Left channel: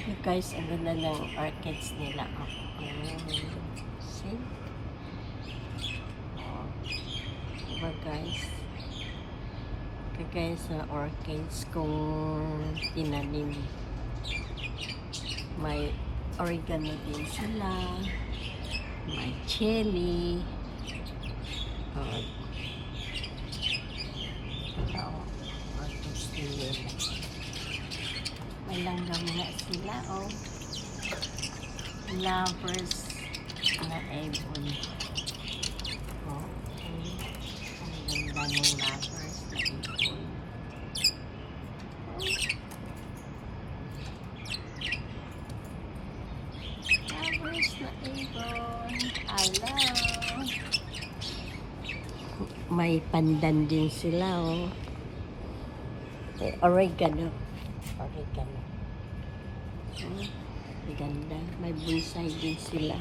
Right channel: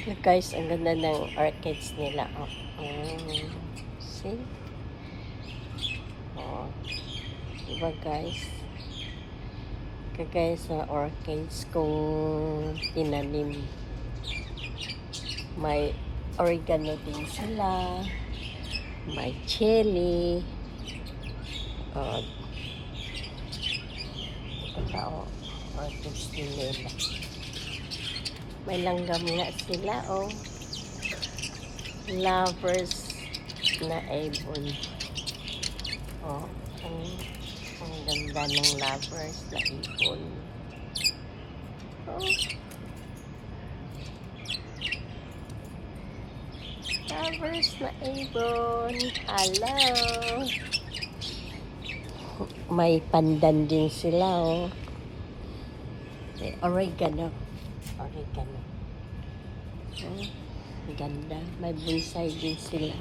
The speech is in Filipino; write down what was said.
Guys, ang ganda ng orchids nila. Oh. See? Oh. Diba guys? Kagaya sa orchids kung tinanim. May oregano din sila. May chili. Oh. Ito, orchids din nila. May langgam nga sila, oh. Lovers na ibon. Oh, ang ganda ng lovers na ibon. Oh. Lovers na ibon. Hello. May pandan din sila, oh. May oregano. Oregano. Ganda. May bonsai din sila.